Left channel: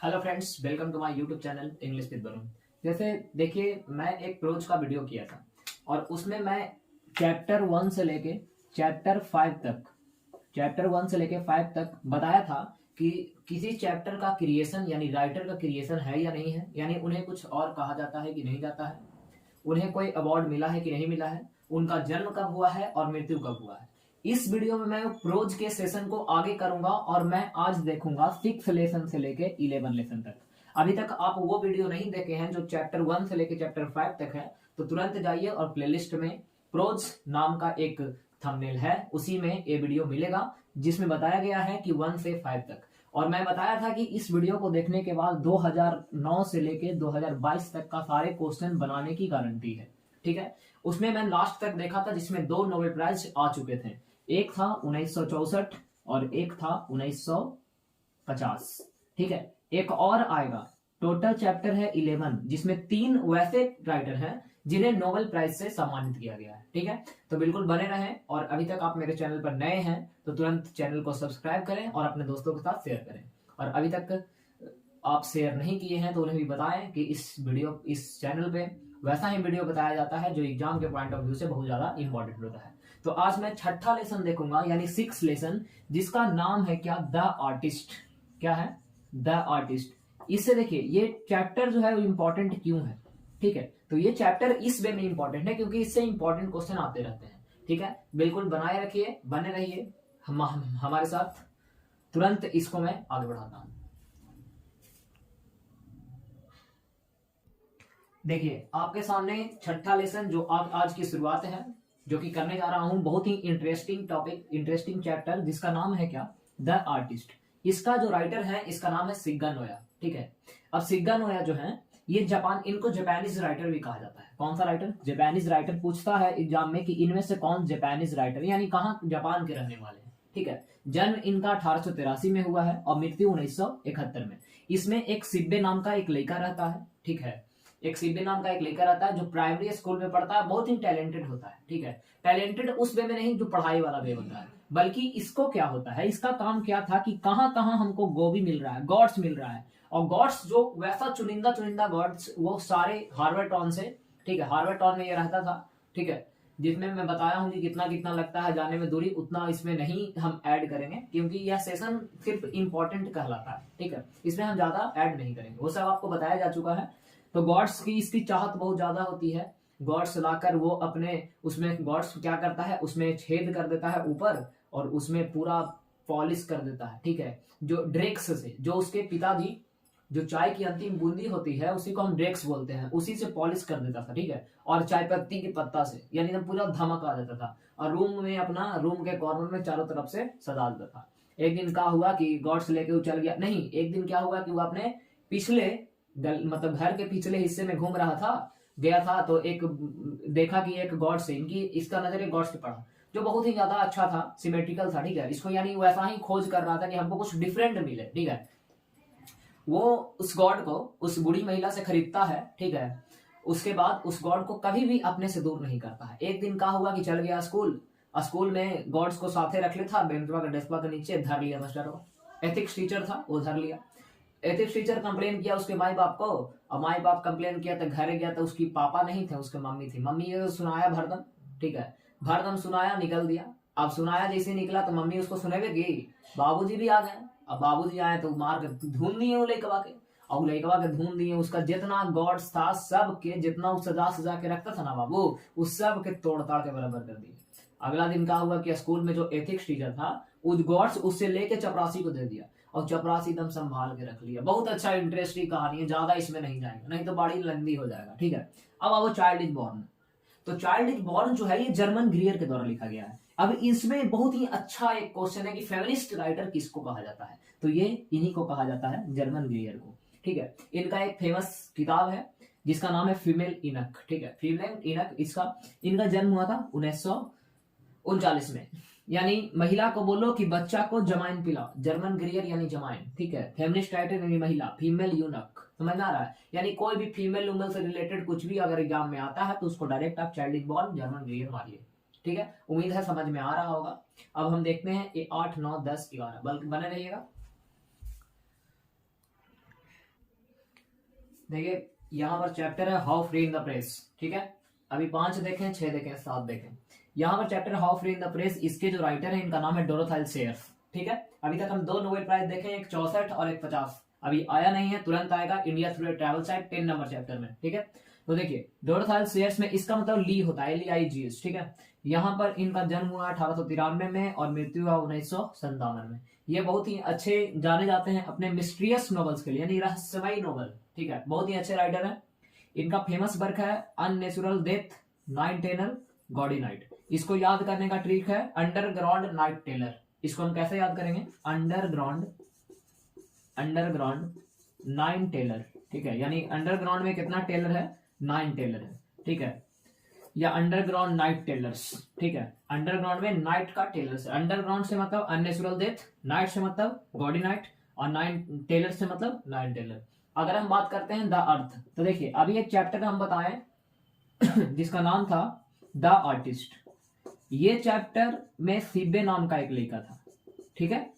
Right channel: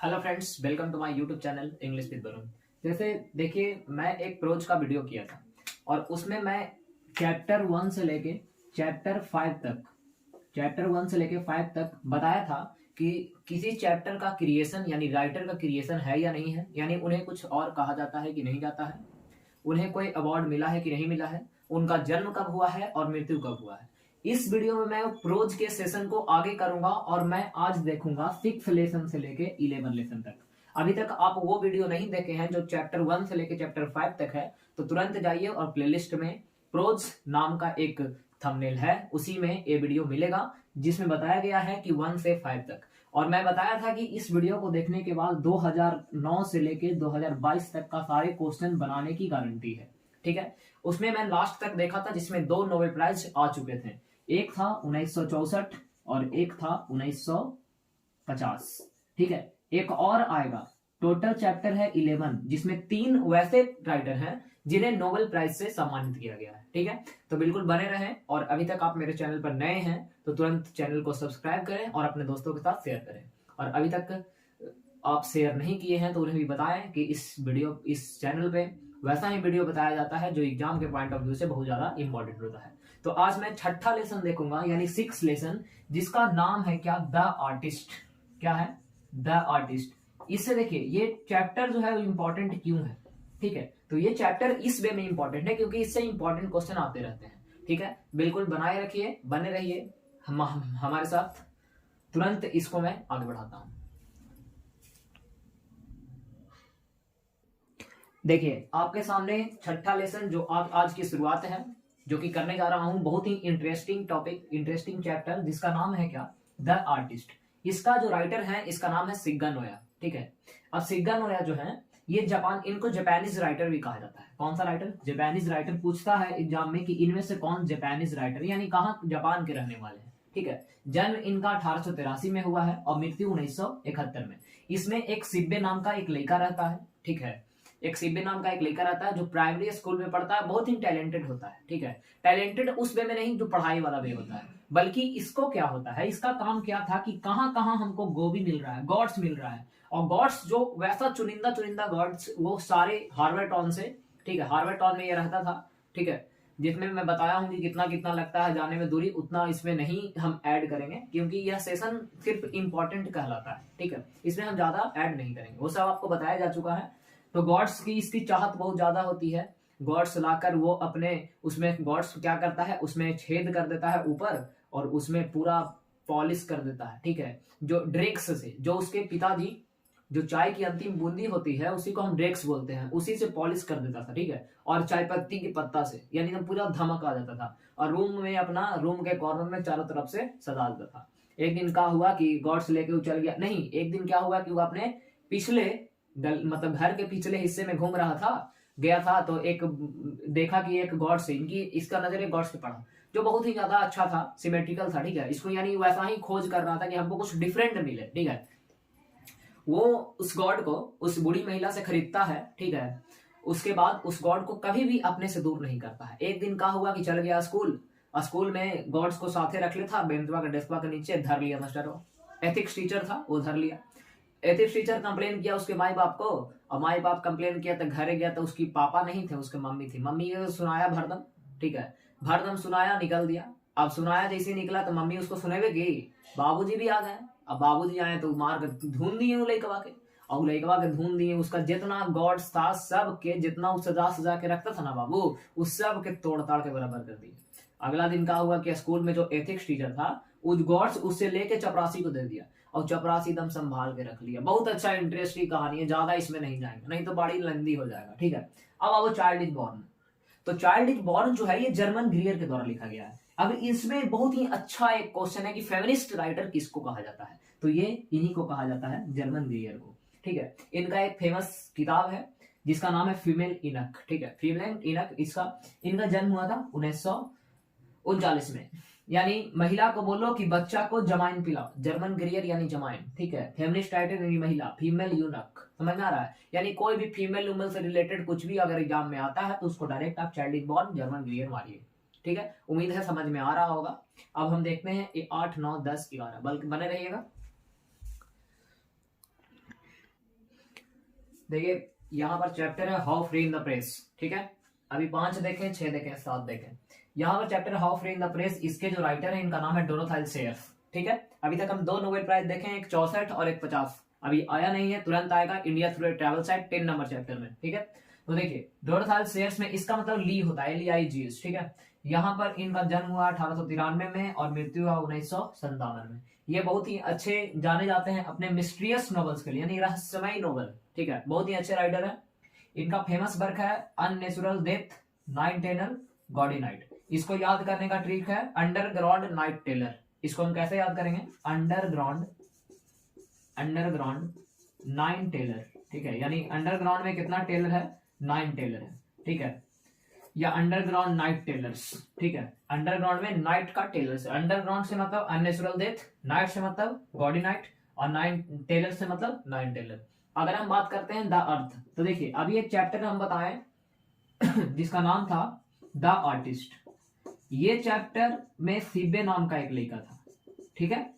Hello friends, welcome to my YouTube channel English with Varun. जैसे देखिए, मैं एक प्रोज का वीडियो किया था और उसमें मैं चैप्टर 1 से लेके चैप्टर 1 से लेके 5 तक बताया था कि किसी चैप्टर का क्रिएशन यानी राइटर का क्रिएशन है या नहीं है, यानी उन्हें कुछ और कहा जाता है कि नहीं जाता है, उन्हें कोई अवार्ड मिला है कि नहीं मिला है, उनका जन्म कब हुआ है और मृत्यु कब हुआ है। इस वीडियो में मैं प्रोज के सेशन को आगे करूंगा और मैं आज देखूंगा 6 लेसन से लेके 11 लेसन तक। अभी तक आप वो वीडियो नहीं देखे हैं जो चैप्टर 1 से लेके चैप्टर 5 तक है, तो तुरंत जाइए और प्लेलिस्ट में प्रोज नाम का एक थंबनेल है, उसी में ये वीडियो मिलेगा जिसमें बताया गया है कि 1 से 5 तक। और मैं बताया था कि इस वीडियो को देखने के बाद 2009 से लेके 2022 तक का सारे क्वेश्चन बनाने की गारंटी है। ठीक है, उसमें मैं लास्ट तक देखा था जिसमें 2 नोबेल प्राइज आ चुके थे, एक था 1964 और एक था 1950। ठीक है, एक और आएगा। टोटल चैप्टर है 11 जिसमें 3 वैसे राइटर हैं जिन्हें नोबेल प्राइज से सम्मानित किया गया है। ठीक है, तो बिल्कुल बने रहें और अभी तक आप मेरे चैनल पर नए हैं तो तुरंत चैनल को सब्सक्राइब करें और अपने दोस्तों के साथ शेयर करें। और अभी तक आप शेयर नहीं किए हैं तो उन्हें भी बताएं कि इस चैनल पे वैसा ही वीडियो बताया जाता है जो एग्जाम के पॉइंट ऑफ व्यू से बहुत ज्यादा इंपॉर्टेंट होता है। तो आज मैं 6ठा लेसन देखूंगा यानी 6 लेसन, जिसका नाम है क्या, द आर्टिस्ट। क्या है? The artist. इससे देखिए ये चैप्टर जो है वो इंपॉर्टेंट क्यों है। ठीक है, तो ये चैप्टर इस वे में इंपॉर्टेंट है क्योंकि इससे इंपॉर्टेंट क्वेश्चन आते रहते हैं। ठीक है, बिल्कुल बनाए रखिए, बने रहिए हमारे साथ। तुरंत इसको मैं आगे बढ़ाता हूं। देखिए आपके सामने 6ठा लेसन जो आज की शुरुआत है, जो कि करने जा रहा हूं। बहुत ही इंटरेस्टिंग टॉपिक, इंटरेस्टिंग चैप्टर, जिसका नाम है क्या, द आर्टिस्ट। इसका जो राइटर है इसका नाम है शिगा नोया। ठीक है, अब शिगा नोया जो है ये इनको जापानीज राइटर भी कहा जाता है। कौन सा राइटर? Japanese writer. पूछता है एग्जाम में कि इनमें से कौन जापानीज राइटर, यानी कहाँ जापान के रहने वाले हैं। ठीक है, जन्म इनका 1883 में हुआ है और मृत्यु 1971 में। इसमें एक सिब्बे नाम का एक लड़का रहता है। ठीक है, एक सिब्बे नाम का एक लड़का रहता है जो प्राइमरी स्कूल में पढ़ता है, बहुत ही टैलेंटेड होता है। ठीक है, टैलेंटेड उस वे में नहीं जो पढ़ाई वाला वे होता है, बल्कि इसको क्या होता है, इसका काम क्या था कि कहां कहां हमको गोभी मिल रहा है, गॉड्स मिल रहा है। और गॉड्स जो वैसा चुनिंदा चुनिंदा गॉड्स वो सारे हार्वर्ड टाउन से। ठीक है, हार्वर्ड टाउन में ये रहता था। ठीक है, जिसमें मैं बताया हूं कि कितना कितना लगता है जाने में दूरी, उतना इसमें नहीं हम ऐड करेंगे क्योंकि यह सेशन सिर्फ इंपॉर्टेंट कहलाता है। ठीक है, इसमें हम ज्यादा ऐड नहीं करेंगे, वो सब आपको बताया जा चुका है। तो गॉड्स की इसकी चाहत बहुत ज्यादा होती है। गॉड्स लाकर वो अपने उसमें गॉड्स क्या करता है, उसमें छेद कर देता है ऊपर और उसमें पूरा पॉलिश कर देता है। ठीक है, जो ड्रेक्स से, जो उसके पिताजी, जो चाय की अंतिम बूंदी होती है उसी को हम ड्रेक्स बोलते हैं, उसी से पॉलिश कर देता था। ठीक है, और चाय पत्ती के पत्ता से, यानी एकदम पूरा धमक आ जाता था और रूम में अपना रूम के कॉर्नर में चारों तरफ से सजा देता था। एक दिन क्या हुआ कि गॉड्स लेके वो चल गया, नहीं, एक दिन क्या हुआ कि वो अपने पिछले मतलब घर के पिछले हिस्से में घूम रहा था, गया था, तो एक देखा कि एक गॉड से इसका नजर एक गॉड से पड़ा जो बहुत ही ज्यादा अच्छा था, सिमेट्रिकल था। ठीक है, इसको यानी वैसा ही खोज कर रहा था कि हमको कुछ डिफरेंट मिले। ठीक है, वो उस गॉड को उस बूढ़ी महिला से खरीदता है। ठीक है, उसके बाद उस गॉड को कभी भी अपने से दूर नहीं करता है। एक दिन क्या हुआ कि चल गया स्कूल में गॉड्स को साथे रख लेता, बेंचवा के डेस्कवा के नीचे धर लिया मास्टर को। एथिक्स टीचर था, वो धर लिया। एथिक्स टीचर कंप्लेन किया उसके माई बाप को, और माई बाप कंप्लेन किया तो घरे गया तो उसकी पापा नहीं थे, उसके मम्मी थी। मम्मी को सुनाया भरदम। ठीक है, भरदम सुनाया, निकल दिया। अब सुनाया जैसे निकला तो मम्मी उसको सुनेवे की, बाबूजी भी आ गए। अब बाबूजी आए तो मार कर धून दिए वो लइकवा के, और लइकवा के धून दिए। उसका जितना गॉड्स था सब के, जितना वो सजा सजा के रखता था ना बाबू, उस सब के तोड़ ताड़ के बराबर कर दिए। अगला दिन क्या हुआ कि स्कूल में जो एथिक्स टीचर था उस गॉड्स उससे लेके चपरासी को दे दिया और चपरासी एकदम संभाल के रख लिया। बहुत अच्छा इंटरेस्टिंग कहानी है, ज्यादा इसमें नहीं जाएंगे नहीं तो बड़ी लंबी हो जाएगा। ठीक है, अब आओ चाइल्ड इज बॉर्न। तो चाइल्ड इज बॉर्न जो है ये जर्मन ग्रियर के द्वारा लिखा गया है। अब इसमें बहुत ही अच्छा एक क्वेश्चन है कि फेमिनिस्ट राइटर किसको कहा जाता है, तो ये इन्हीं को कहा जाता है, जर्मन ग्रियर को। ठीक है, इनका एक फेमस किताब है जिसका नाम है फीमेल इनक। ठीक है, फीमेल इनक, इनका जन्म हुआ था 1939 में। यानी महिला को बोलो कि बच्चा को जमाइन पिलाओ, जर्मन ग्रियर यानी जमाइन। ठीक है, फेमिनिस्ट राइटर यानी महिला, फीमेल यूनक, समझ में आ रहा है। यानी कोई भी फीमेल उमेल से रिलेटेड कुछ भी अगर एग्जाम में आता है तो उसको डायरेक्ट आप चाइल्ड इज बॉर्न जर्मन ग्रियर मारिए। ठीक है, उम्मीद है समझ में आ रहा होगा। अब हम देखते हैं 8, 9, 10, 11, बल्कि बने रहिएगा। देखिए यहाँ पर चैप्टर है how free in the press, ठीक है। अभी 5 देखें, 6 देखें, 7 देखें। यहाँ पर chapter how free in the press, इसके जो राइटर है इनका नाम है डोरोथाइल सेयर्स, ठीक है। अभी तक हम 2 नोबेल प्राइज देखे, एक 64 और एक 50। अभी आया नहीं है, तुरंत आएगा, India through a travel site 10 number chapter में, ठीक है। तो देखिए डोरोथाइल सेयर्स में इसका मतलब ली होता है, LEIGS, ठीक है। यहाँ पर इनका जन्म हुआ 1893 में और मृत्यु हुआ 1957 में। ये बहुत ही अच्छे जाने जाते हैं अपने मिस्ट्रियस नॉवेल्स के लिए, यानी रहस्यमयी नॉवल, ठीक है। बहुत ही अच्छे राइटर है। इनका फेमस वर्क है Unnatural Death, Nine Tailor, Gaudy Night. इसको याद करने का ट्रिक है अंडरग्राउंड नाइट टेलर। इसको हम कैसे याद करेंगे? अंडरग्राउंड नाइन टेलर, ठीक है। यानी अंडरग्राउंड में कितना टेलर है? 9 टेलर है, ठीक है। या अंडरग्राउंड नाइट टेलर्स, ठीक है। अंडरग्राउंड में नाइट का टेलर्स, अंडरग्राउंड से मतलब अननेचुरल डेथ, नाइट से मतलब गॉडी नाइट, और 9 टेलर से मतलब 9 टेलर। अगर हम बात करते हैं द अर्थ, तो देखिए अभी एक चैप्टर हम बताएं जिसका नाम था द आर्टिस्ट। ये चैप्टर में सिब्बे नाम का एक लड़का था, ठीक है,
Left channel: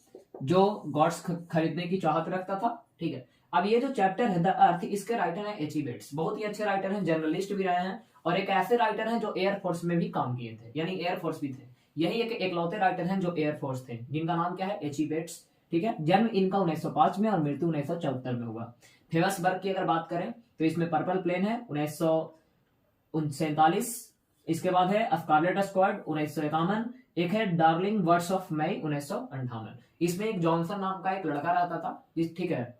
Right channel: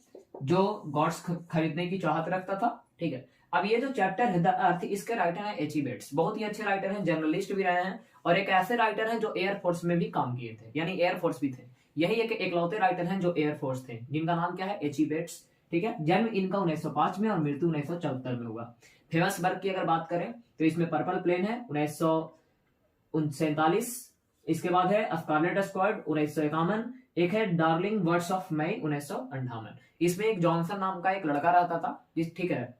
जो गॉड्स खरीदने की चाहत रखता था, ठीक है। अब ये जो चैप्टर है द अर्थ, इसके राइटर है H.E. बेट्स। बहुत ही अच्छे राइटर हैं, जर्नलिस्ट भी रहे हैं, और एक ऐसे राइटर हैं जो एयरफोर्स में भी काम किए थे, यानी एयरफोर्स भी थे। यही एक एकलौते राइटर हैं जो एयरफोर्स थे, जिनका नाम क्या है? H.E. बेट्स, ठीक है। जन्म इनका 1905 में और मृत्यु 1974 में हुआ। फेमस वर्क की अगर बात करें तो इसमें पर्पल प्लेन है 1947, इसके बाद है स्कारलेट स्क्वाड 1951, एक है डार्लिंग वर्ड्स ऑफ मई 1958। इसमें एक जॉनसन नाम का एक लड़का रहता था, ठीक है।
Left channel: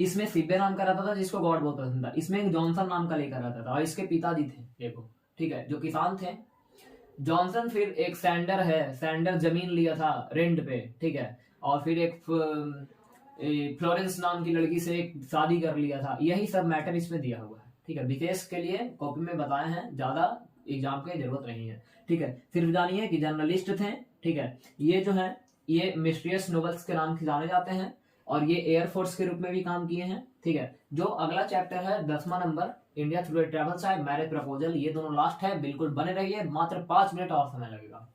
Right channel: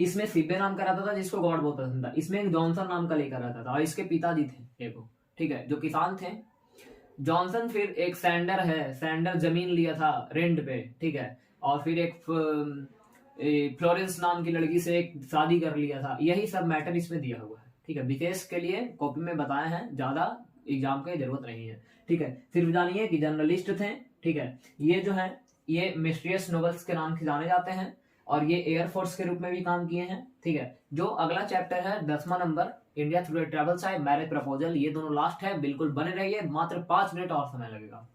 इसमें सिब्बे नाम का रहता था जिसको गॉड बहुत पसंद था। इसमें एक जॉनसन नाम का लेकर रहता था और इसके पिताजी थे एक, ठीक है, जो किसान थे। जॉनसन, फिर एक सैंडर है, सैंडर जमीन लिया था रेंट पे, ठीक है, और फिर एक फ्लोरेंस नाम की लड़की से एक शादी कर लिया था। यही सब मैटर इसमें दिया हुआ है, ठीक है। विशेष के लिए कॉपी में बताए हैं, ज्यादा एग्जाम की जरूरत नहीं है, ठीक है। सिर्फ जानिए कि जर्नलिस्ट थे, ठीक है। ये जो है ये मिस्ट्रियस नॉवेल्स के नाम से जाने जाते हैं और ये एयरफोर्स के रूप में भी काम किए हैं, ठीक है। जो अगला चैप्टर है 10वां number India through a travel site, marriage proposal, ये दोनों लास्ट है। बिल्कुल बने रहिए, मात्र 5 मिनट और समय लगेगा।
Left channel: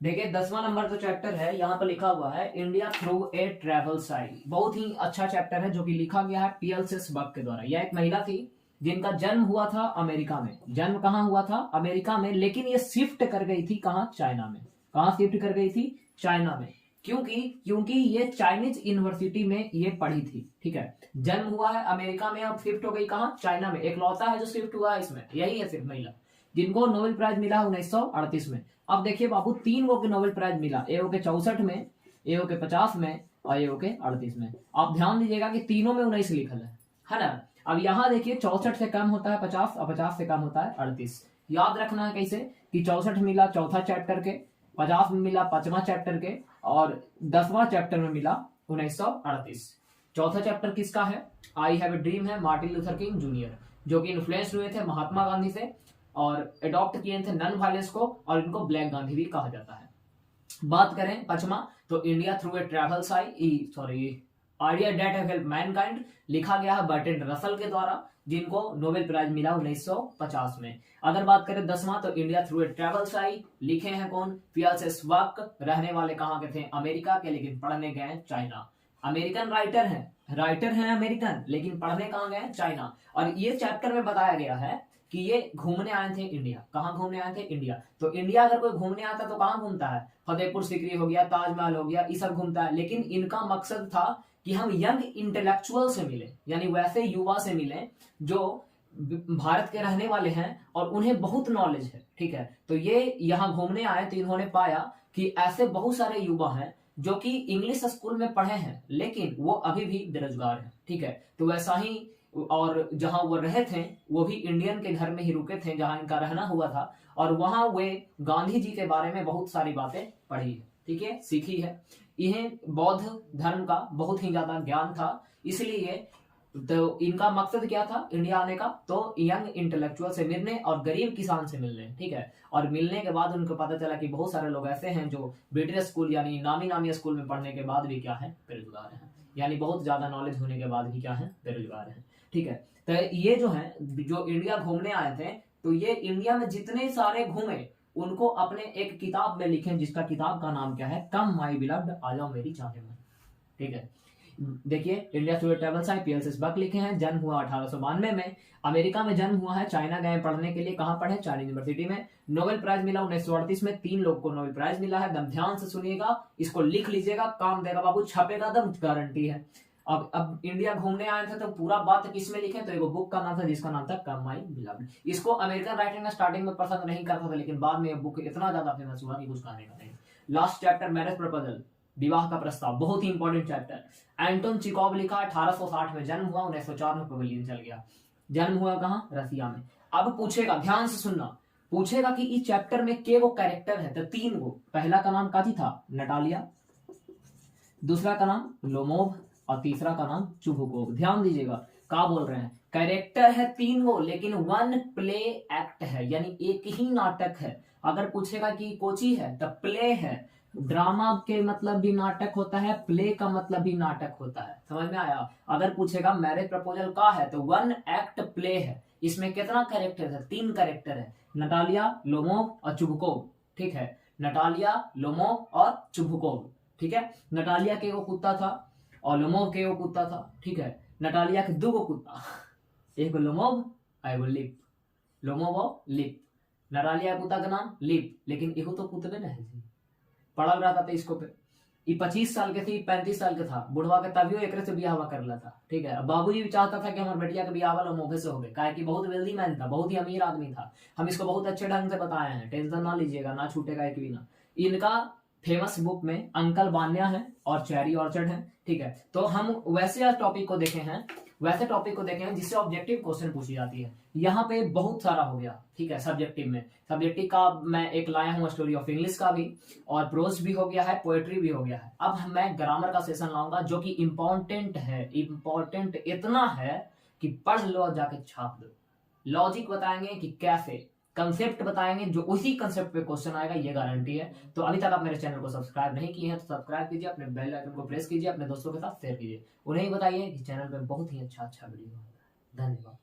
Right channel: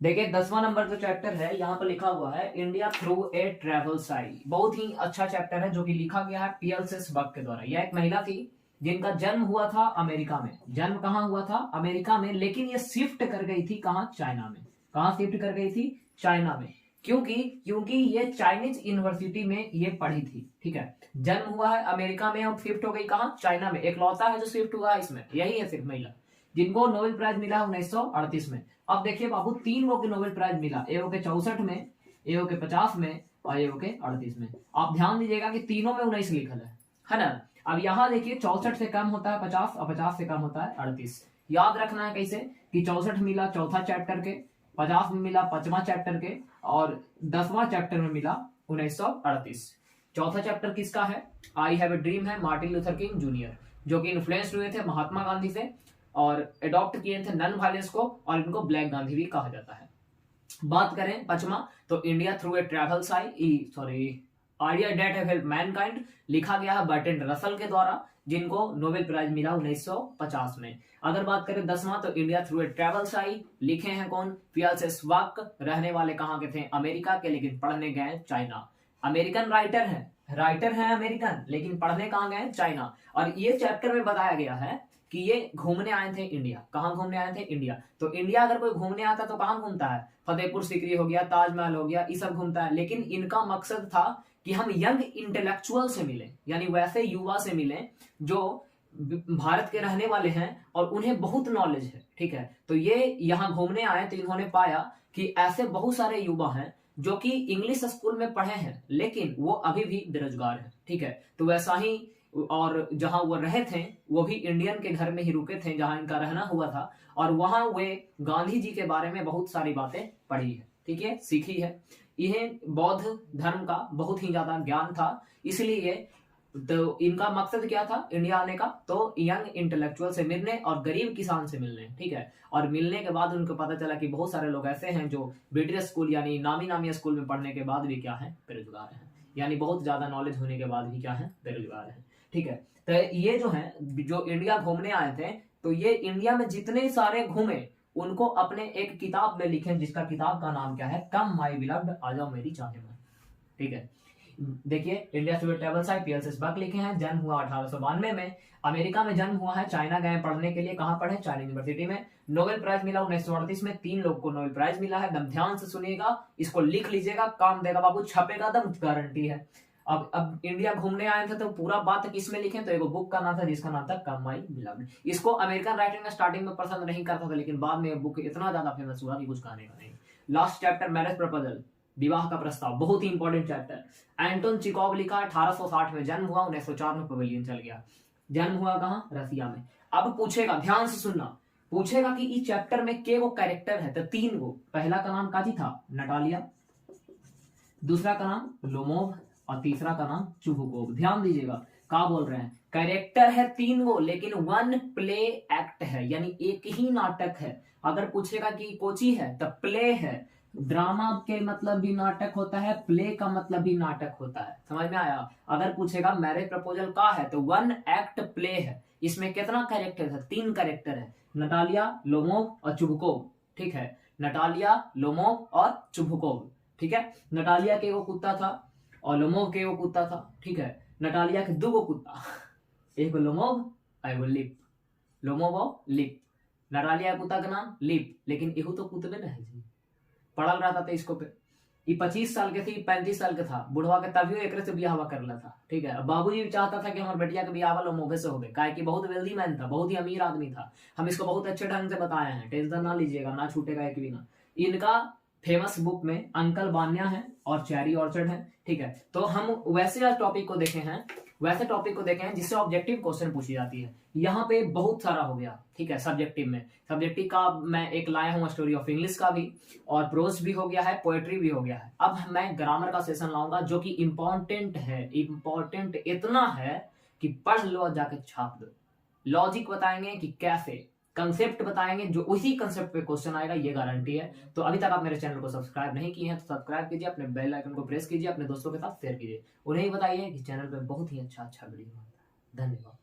देखिए 10वां नंबर जो चैप्टर है यहाँ पर लिखा हुआ है India through a travel site. बहुत ही अच्छा चैप्टर है जो कि लिखा गया है PL बक के द्वारा। यह एक महिला थी जिनका जन्म हुआ था अमेरिका में। जन्म कहाँ हुआ था? अमेरिका में, लेकिन ये शिफ्ट कर गई थी कहाँ? चाइना में। कहाँ शिफ्ट कर गई थी? चाइना में। क्योंकि ये चाइनीज यूनिवर्सिटी में ये पढ़ी थी, ठीक है। जन्म हुआ है अमेरिका में और शिफ्ट हो गई कहाँ? चाइना में। एकलौता है जो शिफ्ट हुआ है इसमें, यही है सिर्फ महिला, जिनको नोबेल प्राइज मिला 1938 में। अब देखिए बाबू, 3 को नोबेल प्राइज मिला, एगो के 64 में, एगो के 50 में और एगो के 38 में। आप ध्यान दीजिएगा कि तीनों में 19 लिखल है ना। अब यहाँ देखिए 64 से कम होता है 50 और 50 से कम होता है 38। याद रखना है कैसे कि 64 मिला चौथा चैप्टर के, 50 में मिला 5वां चैप्टर के, और 10वां चैप्टर में मिला 1938। चौथा चैप्टर किसका है? आई हैव ए ड्रीम है, मार्टिन लूथर किंग जूनियर, जो कि इन्फ्लुएंस हुए थे महात्मा गांधी से और अडॉप्ट किए थे नन वायलेंस को, और इनको ब्लैक गांधी भी कहा जाता है। बात करें 5वां, तो India through a travel site, idea that have helped Mankind, लिखा गया है बर्ट्रैंड रसल के द्वारा, जिनको नोबेल प्राइज मिला 1950 में। अगर बात करें 10वां, तो India through a travel site, लिखे हैं कौन? PL बक। रहने वाले कहाँ के थे? अमेरिका के, लेकिन पढ़ने गए चाइना। अमेरिकन राइटर हैं अमेरिकन, लेकिन पढ़ने कहाँ गए? चाइना। और ये चैप्टर में बताया गया है कि ये घूमने आए थे इंडिया। कहाँ घूमने आए थे? इंडिया। तो इंडिया अगर कोई घूमने आता तो कहाँ घूमता है? फतेहपुर सीकरी हो गया, ताजमहल हो गया, ये सब घूमता है। लेकिन इनका मकसद था कि हम यंग इंटेलेक्चुअल से मिले, यानी वैसे युवा से मिले जो भारत के रहने वाले हैं और उन्हें बहुत नॉलेज है, ठीक है। तो ये यहाँ घूमने आए तो इन्होंने पाया कि ऐसे बहुत सारे युवा हैं जो कि इंग्लिश स्कूल में पढ़े हैं लेकिन वो अभी भी बेरोजगार हैं, ठीक है। तो वैसा ही, और जहां वो रहे थे वो भी इंडियन के घर में ही रुके थे जहां इनका रहना हुआ था, और वहां वे गांधी जी के बारे में बहुत सारी बातें पढ़ी है, ठीक है, सीखी है। इन्हें बौद्ध धर्म का बहुत ही ज्यादा ज्ञान था, इसलिए तो इनका मकसद क्या था इंडिया आने का? तो यंग इंटेलेक्चुअल से मिलने और गरीब किसान से मिलने, ठीक है। और मिलने के बाद उनको पता चला कि बहुत सारे लोग ऐसे हैं जो ब्रिटिश स्कूल यानी नामी स्कूल में पढ़ने के बाद भी क्या है? बेरोजगार हैं, यानी बहुत ज्यादा नॉलेज होने के बाद भी क्या है? बेरोजगार हैं, ठीक है। तो ये जो है जो इंडिया घूमने आए थे, तो ये इंडिया में जितने सारे घूमे उनको अपने एक किताब में लिखे, जिसका किताब का नाम क्या है? कम माई बिलव्ड, आ जाओ मेरी चाहे में। ठीक है। देखिए इंडिया टुडे टेबल्स IPL से बक लिखे हैं, जन्म हुआ 1892 में, अमेरिका में जन्म हुआ है, चाइना गए पढ़ने के लिए, कहाँ पढ़े, चाइना यूनिवर्सिटी में। नोबेल प्राइज मिला 1938 में, 3 लोग को नोबेल प्राइज मिला है। एकदम ध्यान से सुनिएगा, इसको लिख लीजिएगा, काम देगा बाबू, छपेगा एकदम गारंटी है। अब इंडिया घूमने आए थे तो पूरा बात किस में लिखे, तो एक बुक का नाम था जिसका नाम था कम आई मिलावट। इसको अमेरिकन राइटिंग में स्टार्टिंग में पसंद नहीं करता था, लेकिन बाद में ये बुक इतना ज्यादा फेमस हुआ कि कुछ कहने का नहीं। लास्ट चैप्टर मैरिज प्रपोजल, विवाह का प्रस्ताव, बहुत ही इंपॉर्टेंट चैप्टर। एंटोन चिकोव लिखा, 1860 में जन्म हुआ, 1904 में पवेलियन चल गया। जन्म हुआ कहाँ, रसिया में। अब पूछेगा, ध्यान से सुनना, पूछेगा कि इस चैप्टर में के वो कैरेक्टर है, तो 3 गो। पहला का नाम काजी था, नटालिया, दूसरा का नाम लोमोव और तीसरा का नाम चुबुकोव। ध्यान दीजिएगा, क्या बोल रहे हैं, कैरेक्टर है 3 गो, लेकिन 1 प्ले एक्ट है, यानी एक ही नाटक है। अगर पूछेगा कि कोची है, तो प्ले है। ड्रामा के मतलब भी नाटक होता है, प्ले का मतलब भी नाटक होता है, समझ में आया। अगर पूछेगा मैरिज प्रपोजल का है, तो 1 एक्ट प्ले है। इसमें कितना कैरेक्टर है, 3 कैरेक्टर है, नटालिया, लोमोव और चुबुकोव। ठीक है, नटालिया, लोमोव और चुबुकोव। ठीक है, नटालिया के वो कुत्ता था और लोमोव के वो कुत्ता था। ठीक है, नटालिया के 2 कुत्ता, एक लोमोव और एक लिप, लोमोव और लिप। नटालिया कुत्ता का नाम लिप, लेकिन एहू तो कुत्ते न है जी, पढ़ल रहता था इसको पे। ये 25 साल के थी, 35 साल के था, बुढ़वा के तभी एक से बियाह करला था। ठीक है, बाबूजी भी चाहता था कि हमारे बेटिया के बियाह वाला मोभे से हो गए, काहे कि बहुत वेल्दी मैन था, बहुत ही अमीर आदमी था। हम इसको बहुत अच्छे ढंग से बताए हैं, टेंशन ना लीजिएगा, ना छूटेगा एक भी ना। इनका फेमस बुक में अंकल बान्या है और चेरी ऑर्चर्ड है। ठीक है, तो हम वैसे टॉपिक को देखे हैं जिससे ऑब्जेक्टिव क्वेश्चन पूछी जाती है। यहाँ पे बहुत सारा हो गया। ठीक है, सब्जेक्टिव का मैं एक लाया हूँ, स्टोरी ऑफ इंग्लिश का भी, और प्रोज भी हो गया है, पोएट्री भी हो गया है। अब मैं ग्रामर का सेशन लाऊंगा, जो कि इंपॉर्टेंट है, इंपॉर्टेंट इतना है कि पढ़ लो और जाके छाप दो। लॉजिक बताएंगे कि कैसे, कंसेप्ट बताएंगे, जो उसी कंसेप्ट पे क्वेश्चन आएगा, ये गारंटी है। तो अभी तक आप मेरे चैनल को सब्सक्राइब नहीं किए हैं तो सब्सक्राइब कीजिए, अपने बेल आइकन को प्रेस कीजिए, अपने दोस्तों के साथ शेयर कीजिए, उन्हें बताइए कि चैनल पे बहुत ही अच्छा वीडियो है। धन्यवाद।